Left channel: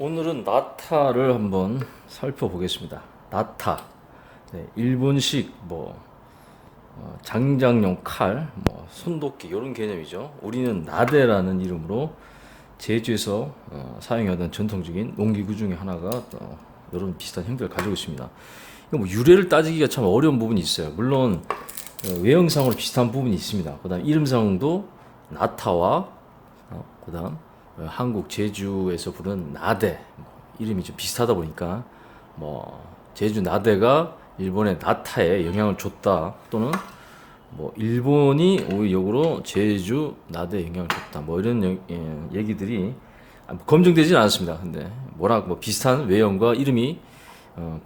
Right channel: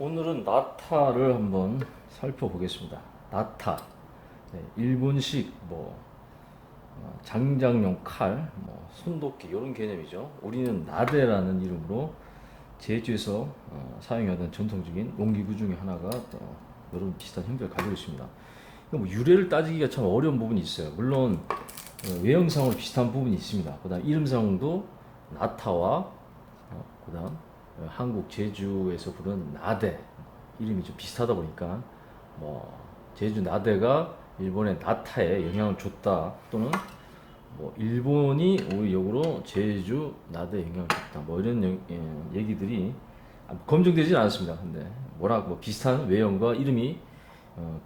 오늘은 나타를 한번 살펴보겠습니다. 나타, 네, 일본식 장작용 칼, 손도끼 이런 개념이죠. 우리는 나대라는 이름으로 제주에서 사용하던 전통적인 농기구 중에 하나가 이런 비슷한 형태를 가지고 있습니다. 이거 유래를 따지기가 참 어려운 부분이 있어요. 물론 외형상으로 비슷한 부분이 있습니다. 그다음 이름상도 나타와 그다음 한국 제주에서 부르는 나대 이름이 좀 비슷하다 보니까 제주 나대가 일본의 나타에 영향을 줬다 또는 일본이 오히려 역으로 제주 나대에 영향을 줬다 이런 얘기들이 검증되지는 않았습니다. 근데 비슷한 외형과 이름이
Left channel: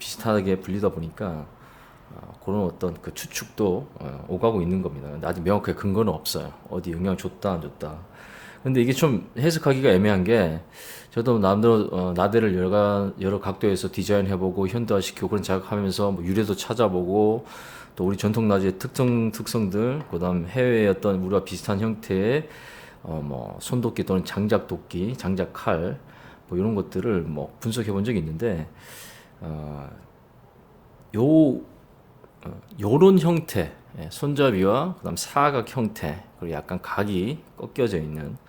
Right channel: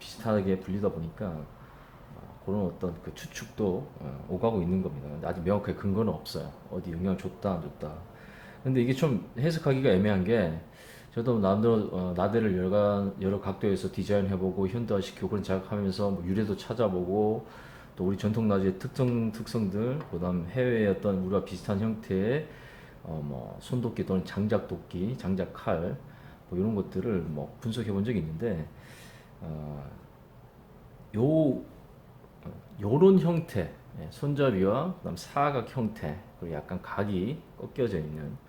비슷하게 불리다 보니까 그런 어떤 그 추측도 오가고 있는 겁니다. 근데 아직 명확하게 근거는 없어요. 어디 영향을 줬다 안 줬다. 근데 이게 좀 해석하기가 애매한 게 저도 나름대로 나대를 여러 각도에서 디자인해보고 현대화시키고 그런 작업하면서 유래도 찾아보고 또 우리 전통 나주의 특성들 그다음 해외의 어떤 우리와 비슷한 형태의 손도끼 또는 장작도끼, 장작칼 이런 것들을 분석해본 적이 있는데 어, 요 요런 형태 손잡이와 그다음 사각 형태 그리고 약간 각이 꺾여져 있는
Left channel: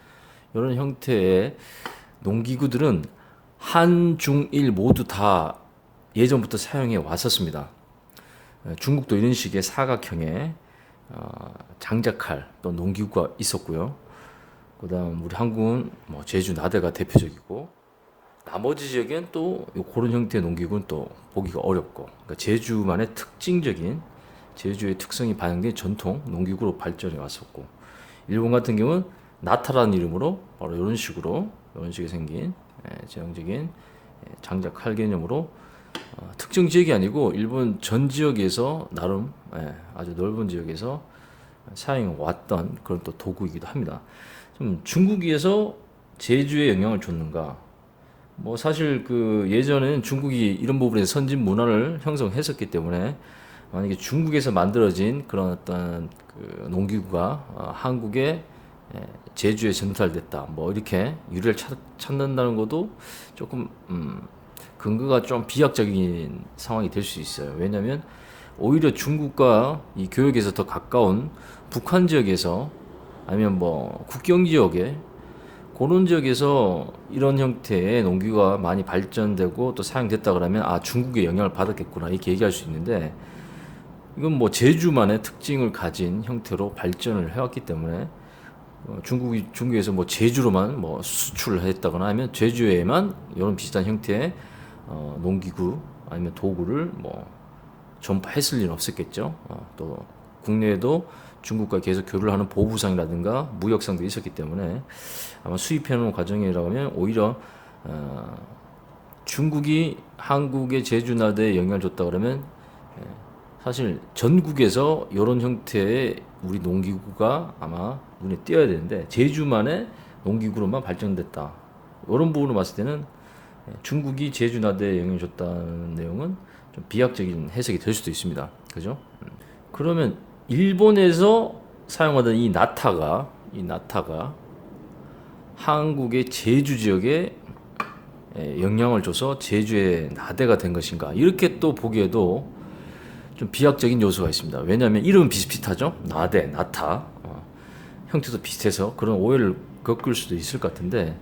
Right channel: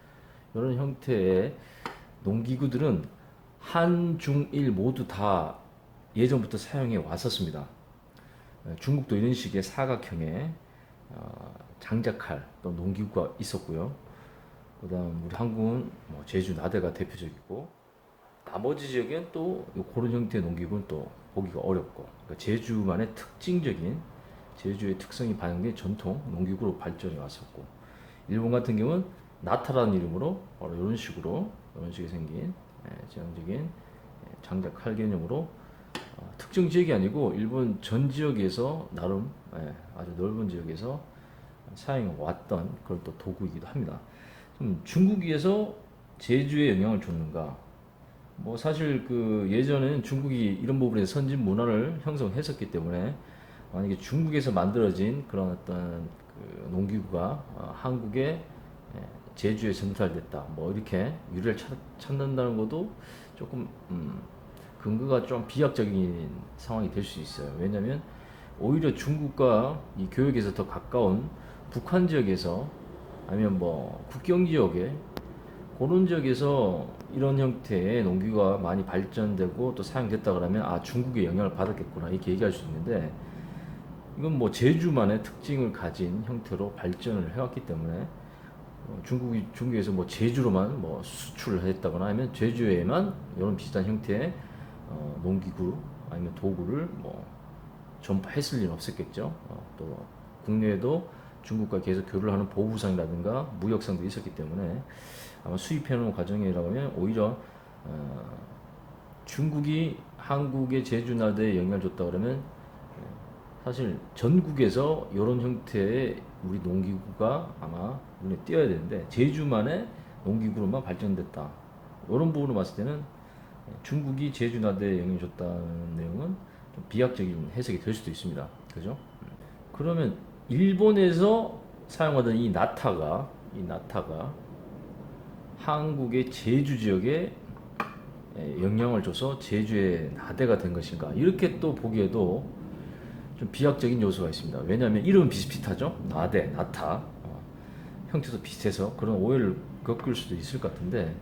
이런 형태의 농기구들은 한, 중, 일 모두 다 예전부터 사용해 왔었습니다. 중국도 이런 식의 사각형의 장작칼 또 농기구가 있었고요. 그다음 우리 한국은 제주 나대가 대표적이고 나머지 지역엔 또 그런 형태의 농기구는 또 보기가 어렵고 그러니까 제주만의 특징적인 제주의 특성이 반영된 전통 농기구로 발전해 왔었고 일본 같은 경우는 나타라는 이름으로 바로 이런 식의 생긴 전형적인 장작 칼 개념으로 특정 지역이 아니고 일본 전 지역에서 나름 아주 넓은 지역에서 사용해 왔던 그런 또 도구이기도 합니다. 좀 중국에서 제주에 영향을 줬는가? 사실 그 예전에는 중국이 이런 부분에서 선진 문화를 형성했었기 때문에 만약에 중국에서 만들어진 그런 어떤 그 농기구가 한국의 제주에 전달됐다. 이렇게 유래를 찾는다는 것도 조금 근거가 좀 비약적인 상황이 될 수 있어요. 왜냐하면 오히려 중국과 이 교역에서 더 가까운 북한 지역에서 아니면 국경 지역에 그런 지역에서 이런 형태의 농기구가 많이 발전되고 또 사용됐다 그러면 중국의 영향을 받았겠구나 이렇게 얘기할 수 있는데 이건 제주만의 특징을 가진 형태로 발전을 해왔기 때문에 중국에서 제주로만 수출을 했다거나 하면 제주에만 이런 비슷한 형태의 농기구 아니면 도구를 전파했을 일은 없었겠죠. 또 국내에도 중국과 계속 교류를 하는 보부상이라든가 무역상도 있었기 때문에 아마 수입해놓은 과정이라고 하면 오히려 중국이 한국의 제주나대에 영향을 줬다 그러면 사실 전국에서 이런 형태의 우리 농기구가 아마 눈에 띄어야 되는데 제주만의 농기구로만 발전됐다. 이런 부분으로 봤을 때는 중국이 제주나대에 영향을 줬다는 내용은 좀 비약적인 해석이 될 수도 있습니다. 그죠? 그러면 일본에서 사용하던 이 나타가 한국의 제주 지역에 영향을 줘서 제주의 나대가 된 것인가? 이렇게 또 보기에도 좀 비약적인 요소가 있습니다. 왜냐하면 이름은 비슷비슷하죠? 나대, 나타. 형태도 비슷해서 그런 오해를 겪을 수도 있을 것 같은데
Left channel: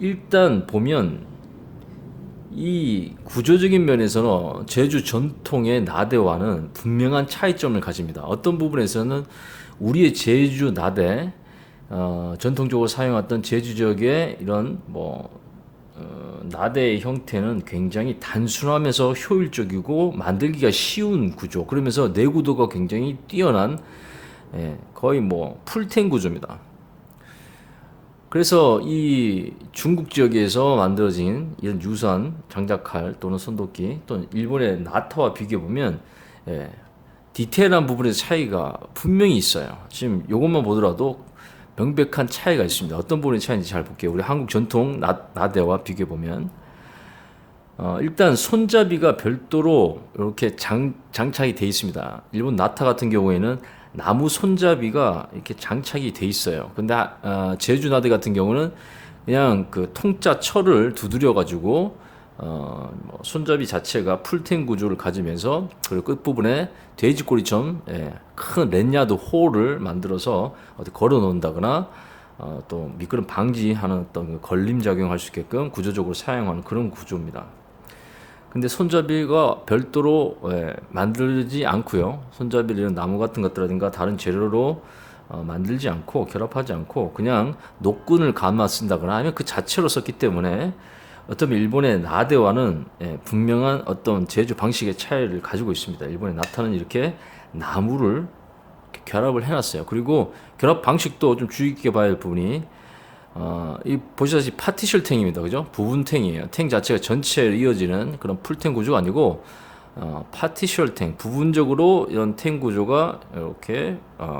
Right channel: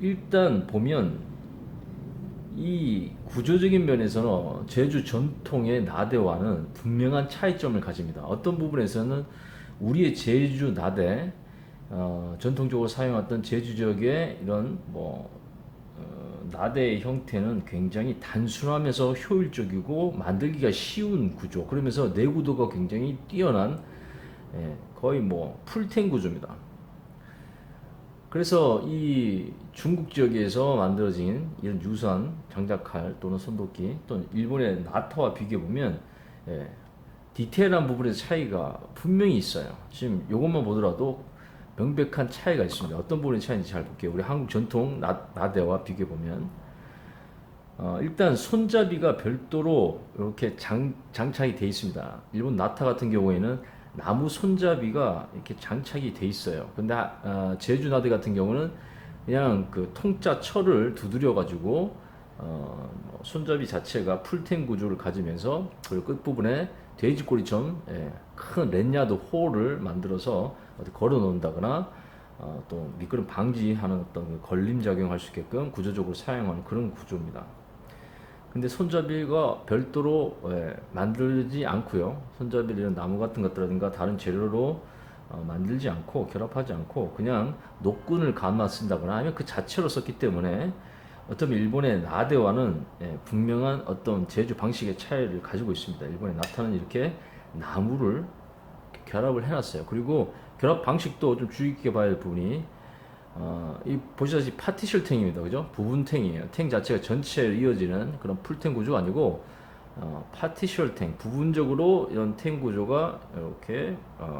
일단 보면 이 구조적인 면에서는 제주 전통의 나대와는 분명한 차이점을 가집니다. 어떤 부분에서는 우리의 제주 나대, 전통적으로 사용했던 제주 지역의 이런 나대의 형태는 굉장히 단순하면서 효율적이고 만들기가 쉬운 구조. 그러면서 내구도가 굉장히 뛰어난 거의 풀텐 구조입니다. 그래서 이 중국 지역에서 만들어진 이런 유사한 장작칼 또는 손도끼 또는 일본의 나타와 비교해 보면 디테일한 부분에서 차이가 분명히 있어요. 지금 이것만 보더라도 명백한 차이가 있습니다. 어떤 부분의 차이인지 잘 볼게요. 우리 한국 전통 나대와 비교해 보면 일단 손잡이가 별도로 이렇게 장착이 돼 있습니다. 일본 나타 같은 경우에는 나무 손잡이가 이렇게 장착이 돼 있어요. 근데 제주 나대 같은 경우는 그냥 그 통짜 철을 두드려 가지고 뭐 손잡이 자체가 풀텐 구조를 가지면서 그 끝부분에 돼지꼬리처럼 큰 랜야드 홀을 만들어서 어디 걸어 놓는다거나 또 미끄럼 방지하는 어떤 그 걸림 작용할 수 있게끔 구조적으로 사용하는 그런 구조입니다. 근데 손잡이가 별도로 만들지 않고요. 손잡이를 이런 나무 같은 것들라든가 다른 재료로 만들지 않고 결합하지 않고 그냥 노끈을 감아 쓴다거나 아니면 그 자체로 썼기 때문에 어쩌면 일본의 나대와는 분명한 어떤 제조 방식의 차이를 가지고 있습니다. 일본의 나타는 이렇게 나무를 이렇게 결합을 해놨어요. 그리고 결합 방식도 좀 주의 깊게 봐야 할 부분이 이 보시다시피 파티셜 탱입니다. 그죠? 부분 탱이에요. 탱 자체가 전체로 이어지는 그런 풀탱 구조가 아니고 파티셜 탱, 부분적으로 이런 탱 구조가 이렇게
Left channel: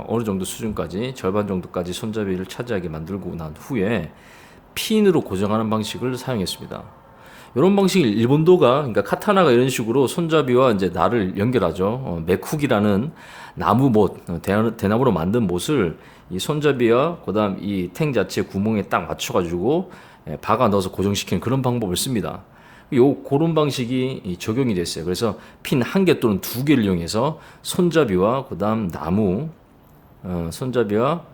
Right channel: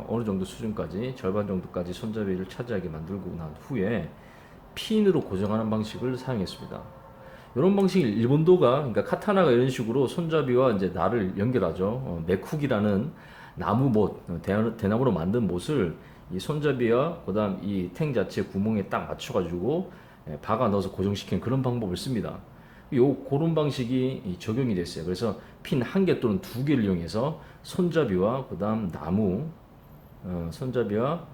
어느 정도 수준까지 절반 정도까지 손잡이를 차지하게 만들고 난 후에 핀으로 고정하는 방식을 사용했습니다. 이런 방식을 일본도가 그러니까 카타나가 이런 식으로 손잡이와 이제 날을 연결하죠. 맥훅이라는 나무 못, 대나무로 만든 못을 이 손잡이와 그다음 이 탱 자체 구멍에 딱 맞춰가지고 박아 넣어서 고정시키는 그런 방법을 씁니다. 그런 방식이 적용이 됐어요. 그래서 핀 한 개 또는 두 개를 이용해서 손잡이와 그다음 나무, 손잡이와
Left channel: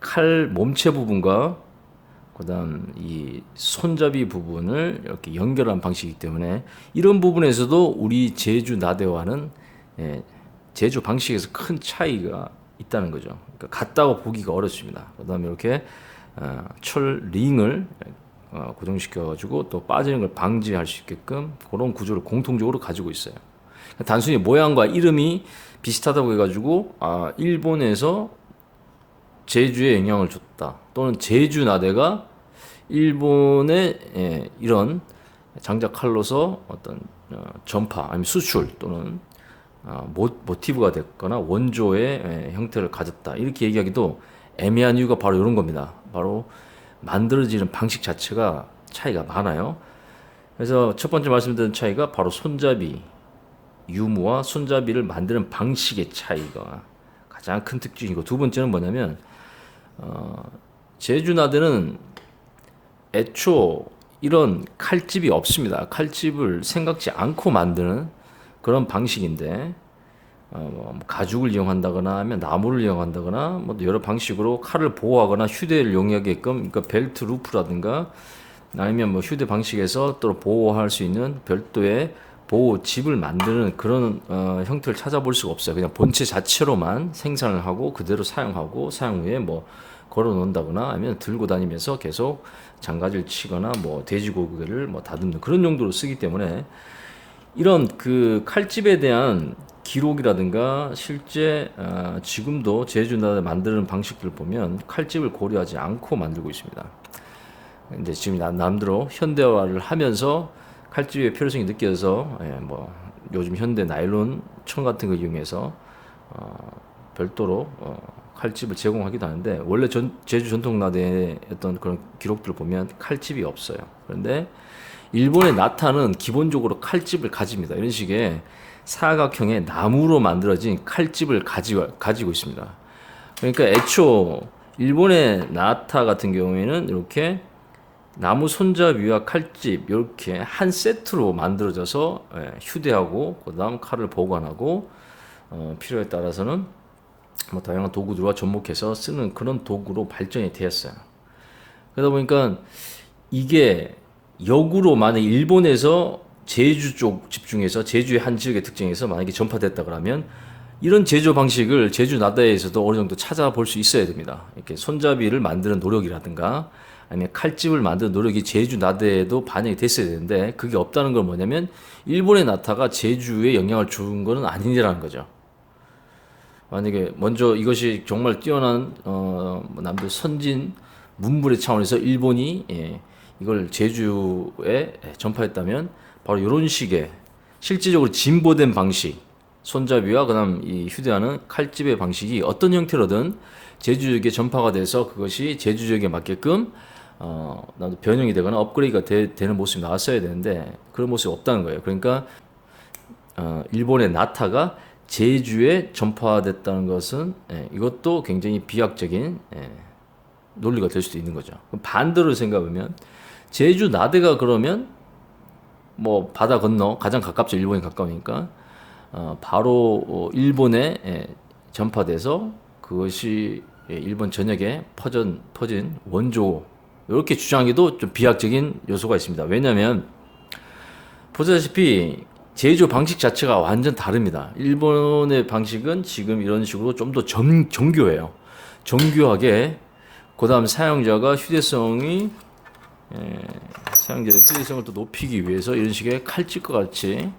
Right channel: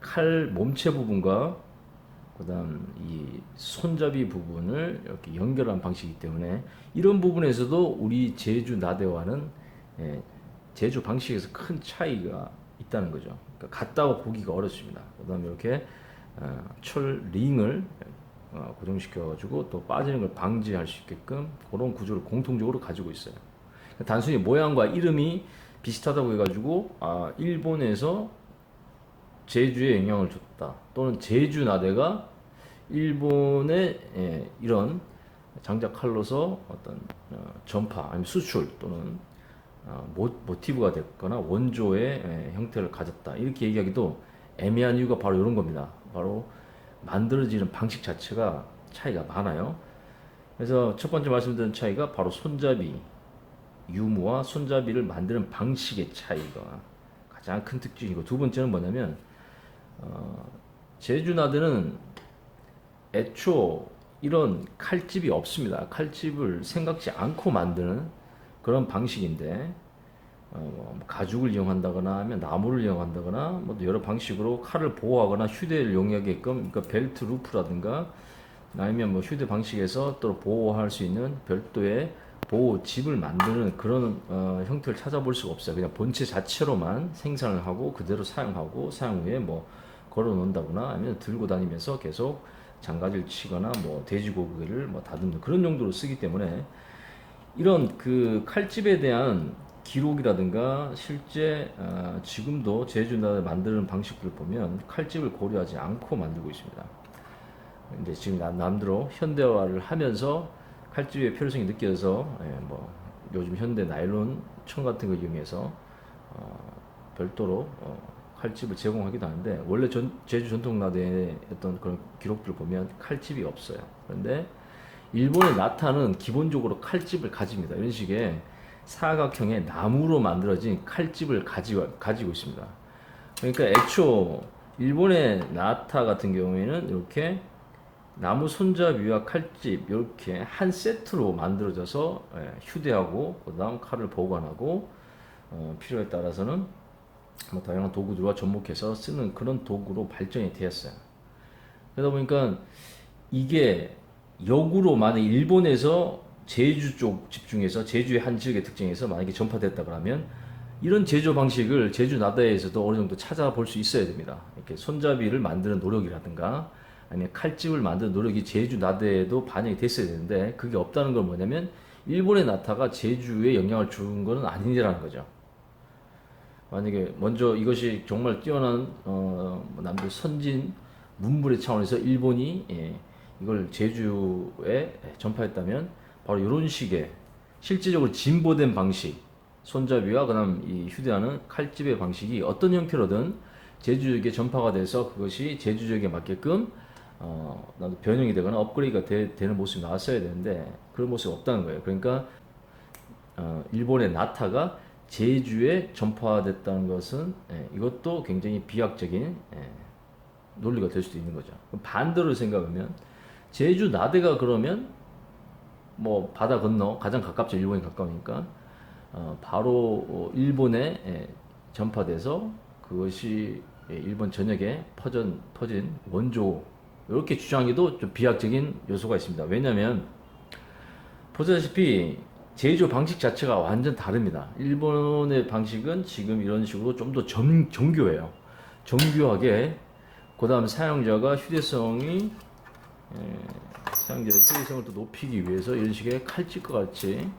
칼 몸체 부분과 그다음 이 손잡이 부분을 이렇게 연결한 방식이기 때문에 이런 부분에서도 우리 제주 나대와는 제조 방식에서 큰 차이가 있다는 거죠. 그러니까 같다고 보기가 어렵습니다. 그다음에 이렇게 철 링을 고정시켜 가지고 또 빠지는 걸 방지할 수 있게끔 그런 구조를 공통적으로 가지고 있어요. 단순히 모양과 이름이 비슷하다고 해가지고 일본에서 제주에 영향을 줬다 또는 제주 나대가 일본의 이런 장작 칼로서 어떤 전파 아니면 수출 또는 모티브가 됐거나 원조의 형태를 가졌다 이렇게 얘기하기도 애매한 이유가 바로 이런 겁니다. 바로 만들어지는 방식 자체가 차이가 많아요. 그래서 첫 번째 말씀드린 차이가 바로 손잡이 유무와 손잡이를 만드는 방식의 차이가 가장 큰 특징이고 두 번째는 뭐냐면 제주나대는 애초 이런 칼집이 없습니다. 칼집을 생각지 않고 만드는 그런 방식인데 뭐 가죽을 이용한다거나 하면 나무를 이용한다거나 뭐 여러 방식으로 칼을 보호하거나 휴대를 용이하게끔 그러니까 벨트 루프라든가 아니면 뭐 휴대 방식에서 또 보호할 수 있는 별도의 보호 집을 만드는 그런 형태를 찾아볼 수가 없어요. 그냥 본체 자체로만 생산을 하고 그대로 사용하고 사용 후에 뭐 걸어 놓는다거나 아니면 들고 다니면서 계속 장가지를 치거나 뭐 돼지고기를 뭐 다듬는 그런 용도로 쓰기 때문에 이런 그 칼집에 대한 기록이라든가 실제 지금도 제주나 만드는 방식들을 보면 칼집을 고려하지 않고 만들고 있습니다. 이제 지금 남대로 현대화를 하면서 칼집의 필요성이 느껴져서 뭐 요즘 현대 나일론 천 같은 거 이용해서 별도로 칼집을 제공하기도 하는데 원래 제주 전통 나대의 어떤 그런 기록들을 보면 칼집이 없어요. 그런데 일본의 나타는 기본적으로 칼집을 가집니다. 이런 식의 사각형의 나무로 만들어진 칼집을 가지고 있습니다. 그러니까 애초 일본의 나타 같은 경우에는 이렇게 나무 손잡이와 칼집 이렇게 한 세트로 만들어져서 휴대하고 그다음 칼을 보관하고 필요에 따라서는 뭐 다양한 도구들과 접목해서 쓰는 그런 도구로 발전이 되었어요. 그러다 보니까 이게 역으로 만약 일본에서 제주 쪽 집중해서 제주의 한 지역의 특징에서 만약에 전파됐다 그러면 이런 제조 방식을 제주 나다에서도 어느 정도 찾아볼 수 있어야 됩니다. 이렇게 손잡이를 만드는 노력이라든가 아니면 칼집을 만드는 노력이 제주 나다에도 반영이 됐어야 되는데 그게 없다는 건 뭐냐면 일본의 나타가 제주에 영향을 준 거는 아니라는 거죠. 만약에 먼저 이것이 정말 뛰어난 남들 선진 문물의 차원에서 일본이 이걸 제주에 전파했다면 바로 이런 식의 실질적으로 진보된 방식 손잡이와 그다음 이 휴대하는 칼집의 방식이 어떤 형태로든 제주 지역에 전파가 돼서 그것이 제주 지역에 맞게끔 나도 변형이 되거나 업그레이드가 되는 모습이 나왔어야 되는데 그런 모습이 없다는 거예요. 그러니까 일본의 나타가 제주에 전파됐다는 것은 이것도 굉장히 비약적인 논리가 될 수도 있는 거죠. 그럼 반대로 생각하면 제주 나대가 그러면 뭐 바다 건너 가장 가깝죠. 일본이 가까우니까 바로 일본에 전파돼서 그것이 일본 전역에 퍼진 원조 이렇게 주장하기도 좀 비약적인 요소가 있습니다. 왜냐하면 보다시피 제조 방식 자체가 완전 다릅니다. 일본의 방식은 지금 이런 식으로 좀 더 정교해요. 정교하게 그다음 사용자의 휴대성을 또 높이기 위해서 이런 식의 칼집과 같이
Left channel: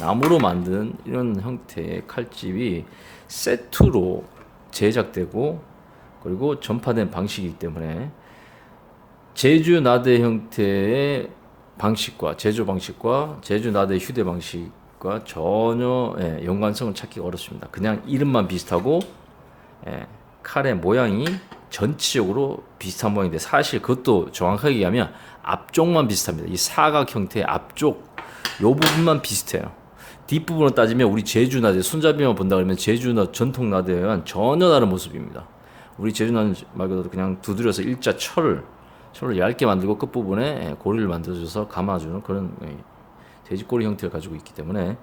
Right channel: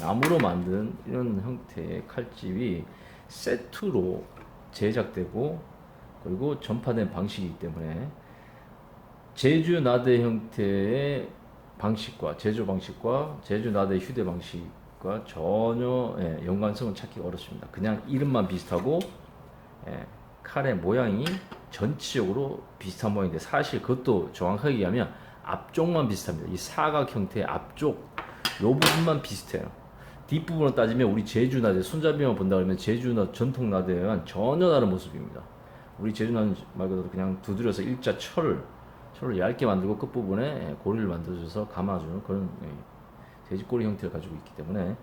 나무로 만든 이런 형태의 칼집이 세트로 제작되고 그리고 전파된 방식이기 때문에 제주 나대 형태의 방식과 제조 방식과 제주 나대 휴대 방식과 전혀 연관성을 찾기가 어렵습니다. 그냥 이름만 비슷하고 칼의 모양이 전체적으로 비슷한 모양인데 사실 그것도 정확하게 얘기하면 앞쪽만 비슷합니다. 이 사각 형태의 앞쪽 요 부분만 비슷해요. 뒷부분을 따지면 우리 제주 나대 손잡이만 본다 그러면 제주 나 전통 나대와는 전혀 다른 모습입니다. 우리 제주 나대 말 그대로 그냥 두드려서 일자 철을 얇게 만들고 끝부분에 고리를 만들어줘서 감아주는 그런 돼지꼬리 형태를 가지고 있기 때문에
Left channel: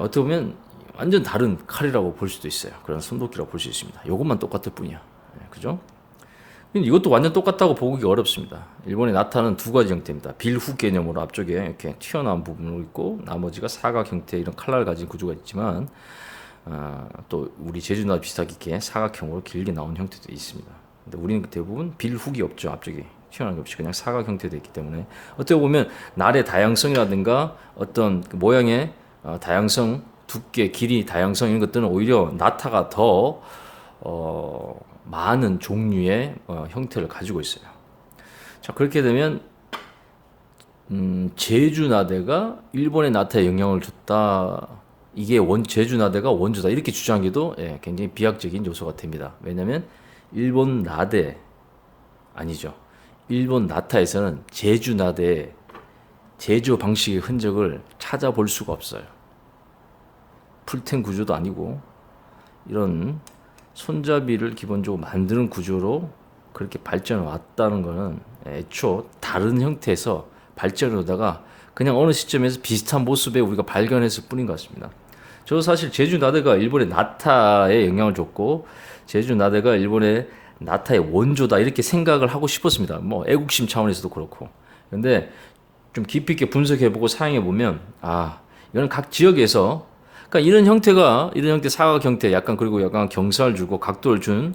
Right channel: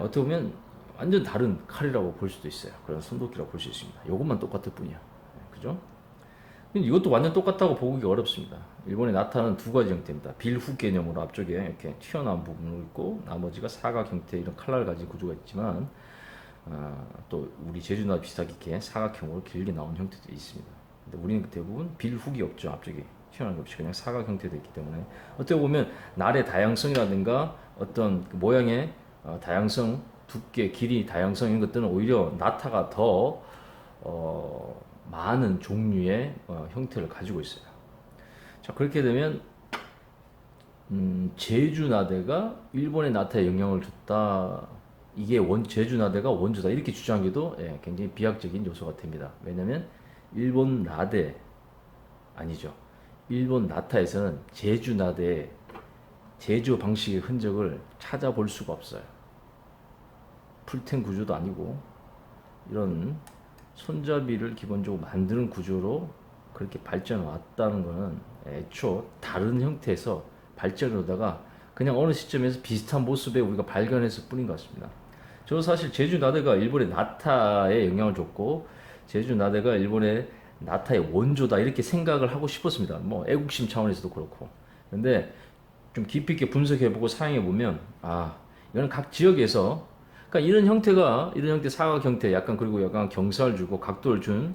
어떻게 보면 완전 다른 칼이라고 볼 수도 있어요. 그런 손도끼라고 볼 수 있습니다. 이것만 똑같을 뿐이야. 그죠? 근데 이것도 완전 똑같다고 보기 어렵습니다. 일본의 나타는 두 가지 형태입니다. 빌후 개념으로 앞쪽에 이렇게 튀어나온 부분이 있고 나머지가 사각 형태 이런 칼날을 가진 구조가 있지만 또 우리 제주나 비슷하게 이렇게 사각형으로 길게 나온 형태도 있습니다. 근데 우리는 대부분 빌훅이 없죠. 앞쪽에 튀어나온 게 없이 그냥 사각 형태도 있기 때문에 어떻게 보면 날의 다양성이라든가 어떤 그 모양의 다양성, 두께, 길이, 다양성 이런 것들은 오히려 나타가 더 많은 종류의 형태를 가지고 있어요. 자 그렇게 되면 제주 나대가 일본의 나타에 영향을 줬다. 이게 제주 나대가 원조다 이렇게 주장하기도 굉장히 비약적인 요소가 됩니다. 왜냐하면 일본 나대 아니죠. 일본 나타에서는 제주 나대의 제조 방식의 흔적을 찾아볼 수가 없어요. 풀텐 구조도 아니고 이런 손잡이를 기본적으로 만드는 구조로 그렇게 발전해 왔다는 것은 애초 다른 형태에서 발전을 하다가 그냥 어느 시점에서 비슷한 모습에 우리가 발견했을 뿐인 것 같습니다. 저도 사실 제주 나대가 일본의 나타에 영향을 줬고 제주 나대가 일본의 나타의 원조다 이렇게 생각을 하고 싶었습니다. 뭐 애국심 차원에서도 그렇고. 근데 좀 깊이 있게 분석해보고 사용해보면 이거는 각 지역에서 그러니까 이런 형태 사각 형태 약간 그리고 약간 경사를 주고 각도를 준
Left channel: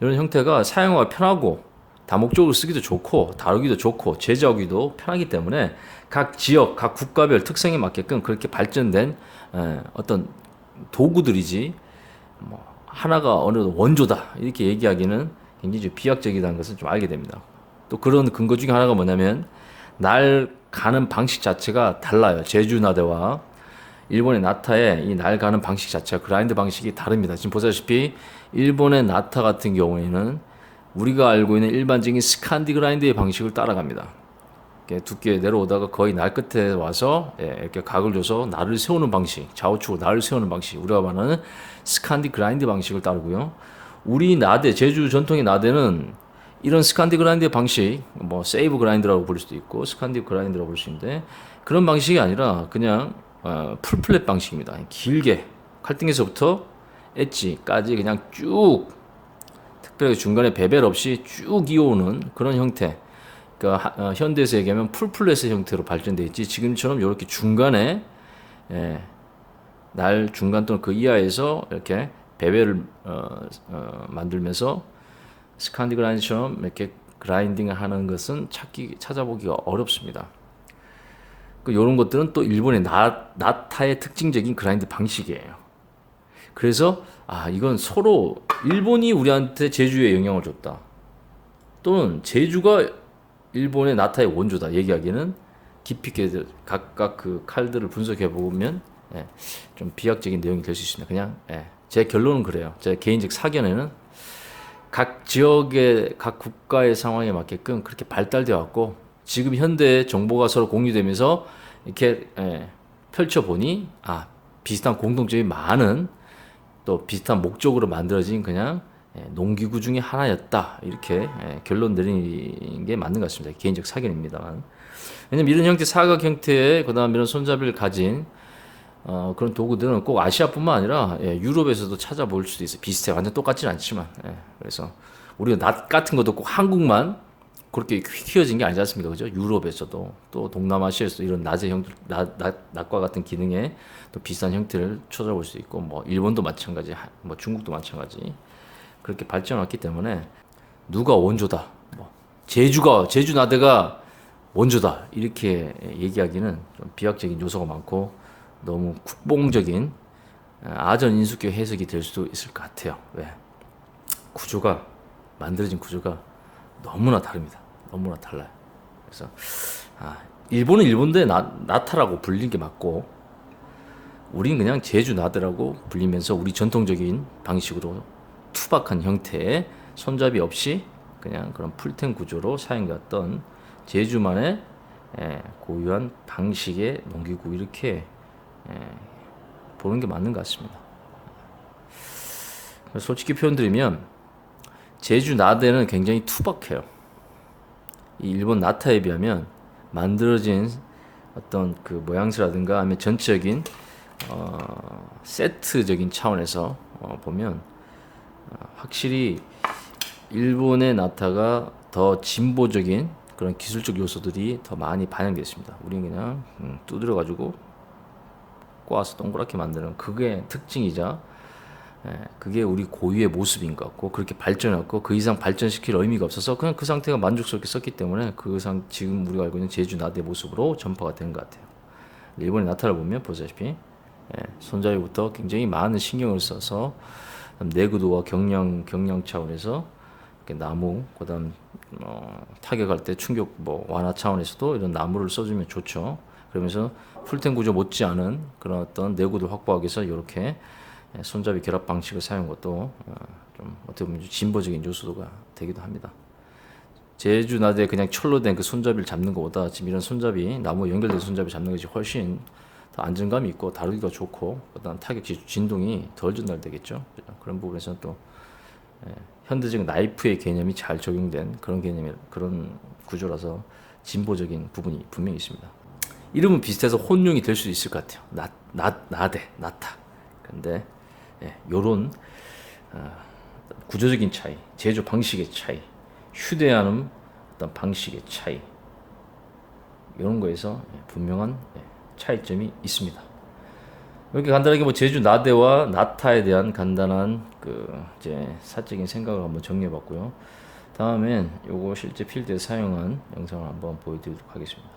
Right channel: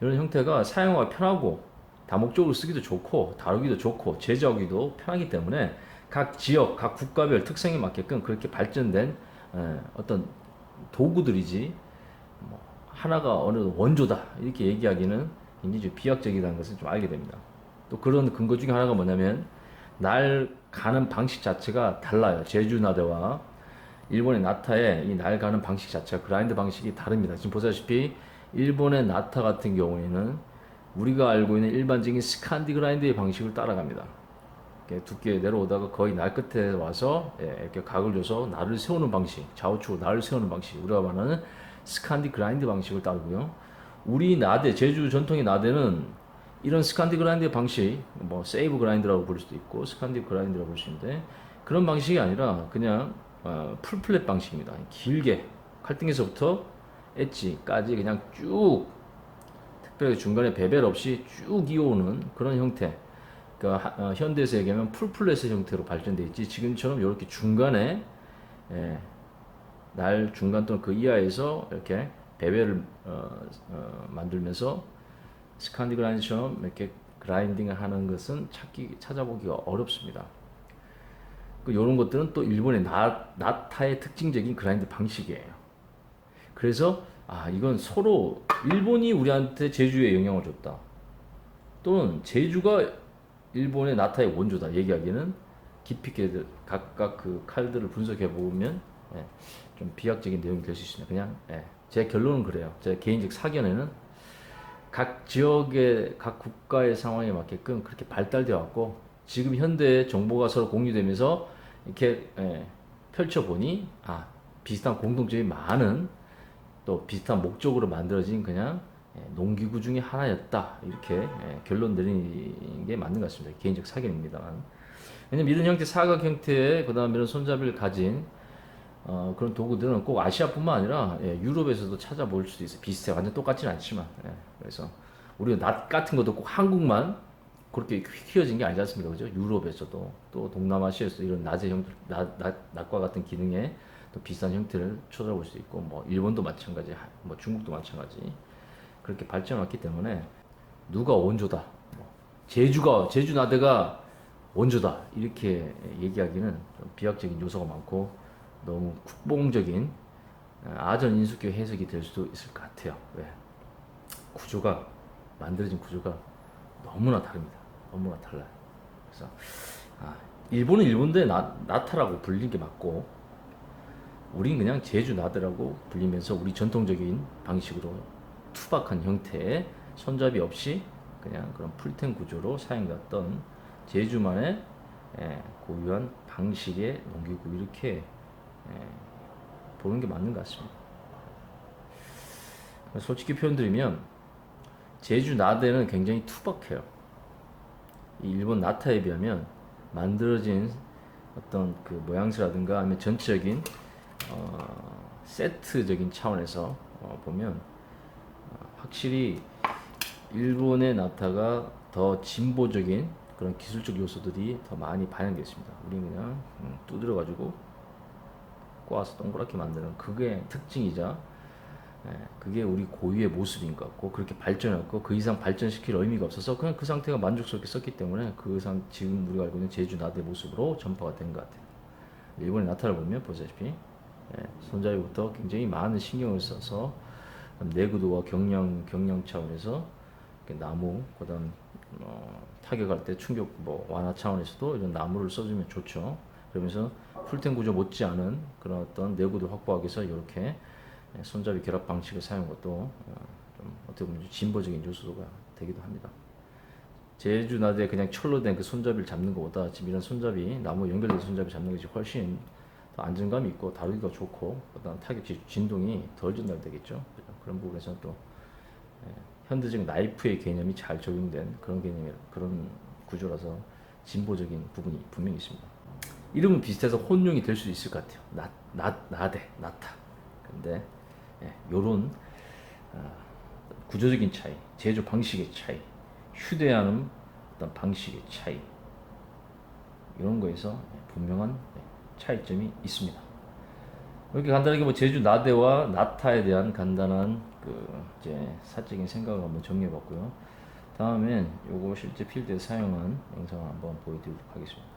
이런 형태가 사용하기 편하고 다목적으로 쓰기도 좋고 다루기도 좋고 제조하기도 편하기 때문에 각 지역, 각 국가별 특성에 맞게끔 그렇게 발전된 어떤 도구들이지 뭐 하나가 어느 원조다 이렇게 얘기하기는 굉장히 좀 비약적이라는 것을 좀 알게 됩니다. 또 그런 근거 중에 하나가 뭐냐면 날 가는 방식 자체가 달라요. 제주 나대와 일본의 나타의 이 날 가는 방식 자체가 그라인드 방식이 다릅니다. 지금 보다시피 일본의 나타 같은 경우에는 우리가 알고 있는 일반적인 스칸디 그라인드의 방식을 따라갑니다. 이렇게 두께 내려오다가 거의 날 끝에 와서 이렇게 각을 줘서 날을 세우는 방식, 좌우측으로 날을 세우는 방식, 우리가 말하는 스칸디 그라인드 방식을 따르고요. 우리 나대, 제주 전통의 나대는 이런 스칸디 그라인드 방식, 뭐 세이브 그라인드라고 부를 수도 있고 스칸디 그라인드라고 부를 수 있는데 그런 방식이 아니라 그냥 풀플랫 방식입니다. 길게 칼등에서부터 엣지까지 그냥 쭉 특별히 중간에 베벨 없이 쭉 이어오는 그런 형태. 그러니까 현대에서 얘기하면 풀플랫의 형태로 발전돼 있지 지금처럼 이렇게 중간에 날 중간 또는 그 이하에서 이렇게 베벨을 만들면서 스칸디 그라인드처럼 이렇게 그라인딩을 하는 것은 찾아보기가 어렵습니다. 이런 것들은 또 일본의 나타의 특징적인 그라인드 방식이에요. 그래서 이건 서로 일본이 우리한테 제주에 영향을 줬다. 또는 제주가 일본의 나타의 원조다 얘기하기는 깊이 있게 각각 그 칼들을 분석해 보면 좀 비약적인 내용이 될 수 있습니다. 그냥 제 결론은 그래요. 제 개인적 사견에는 각 지역의 각 국가의 상황에 맞게끔 그렇게 발달되어 왔고 지금 현대 정보가 서로 공유되면서 이렇게 펼쳐보니 비슷한 공통점이 많은 또 비슷한 목적으로 만들어진 그냥 농기구 중에 하나였다 이렇게 결론 내리는 게 맞는 것 같습니다. 개인적 사견입니다만. 왜냐면 이런 형태 사각 형태의 그다음 이런 손잡이를 가진 그런 도구들은 꼭 아시아뿐만 아니라 유럽에서도 찾아볼 수도 있어요. 비슷해 완전 똑같지는 않지만 그래서 우리가 낫 같은 것도 꼭 한국만 그렇게 휘어진 게 아니지 않습니까? 그죠? 유럽에서도 또 동남아시아에서도 이런 낫의 형태, 낫과 같은 기능의 또 비슷한 형태를 찾아볼 수 있고 뭐 일본도 마찬가지, 뭐 중국도 마찬가지 그렇게 발전했기 때문에 누가 원조다, 뭐 제주 나대가 원조다 이렇게 얘기하기는 좀 비약적인 요소가 많고 너무 국뽕적인 아전인수격 해석이 될 수도 있을 것 같아요. 왜? 구조가 만들어진 구조가 너무나 다릅니다. 너무나 달라요. 그래서 일본은 일본대 나타라고 불리는 게 맞고 우린 그냥 제주 나대라고 불리면서 우리 전통적인 방식으로 투박한 형태의 손잡이 없이 그냥 그런 풀텐 구조로 사용되었던 제주만의 고유한 방식의 농기구 이렇게 보는 게 맞는 것 같습니다. 솔직히 표현드리면 제주 나대는 굉장히 투박해요. 이 일본 나타에 비하면 만들어진 어떤 그 모양새라든가 아니면 전체적인 세트적인 차원에서 보면 확실히 일본의 나타가 더 진보적인 그런 기술적 요소들이 더 많이 반영되어 있습니다. 우리는 그냥 두드려가지고 꼬아서 동그랗게 만드는 그게 특징이자 그게 우리 고유의 모습인 것 같고 그렇게 발전했고 그 이상 발전시킬 의미가 없어서 그냥 그 상태가 만족스럽게 썼기 때문에 지금 우리가 알고 있는 제주 나대 모습으로 전파가 된 것 같아요. 일본의 나타를 보면 보시다시피 손잡이부터 굉장히 많은 신경을 써서 내구도와 경량 차원에서 나무 그다음 타격할 때 충격 완화 차원에서도 이런 나무를 써주면 좋죠. 그러면서 풀텐 구조 못지않은 그런 어떤 내구도 확보하기 위해서 이렇게 손잡이 결합 방식을 사용한 것도 좀 어떻게 보면 진보적인 요소가 되기도 합니다. 제주 나대 그냥 철로 된 그 손잡이를 잡는 것보다 지금 이런 손잡이 나무 연결된 손잡이 잡는 것이 훨씬 더 안정감이 있고 다루기가 좋고 그다음 타격 진동이 덜 전달되겠죠. 그런 부분에서는 또 현대적 나이프의 개념이 잘 적용된 그런 구조라서 진보적인 부분이 분명히 있습니다. 이름은 비슷해서 혼용이 될 수 있을 것 같아요. 나대, 나타. 근데 요런 구조적인 차이, 제조 방식의 차이, 휴대하는 어떤 방식의 차이 이런 거에서 분명한 차이점이 있습니다. 이렇게 간단하게 제주 나대와 나타에 대한 간단한 이제 사적인 생각을 한번 정리해봤고요. 다음엔 요거 실제 필드에 사용한 영상을 한번 보여드리도록 하겠습니다.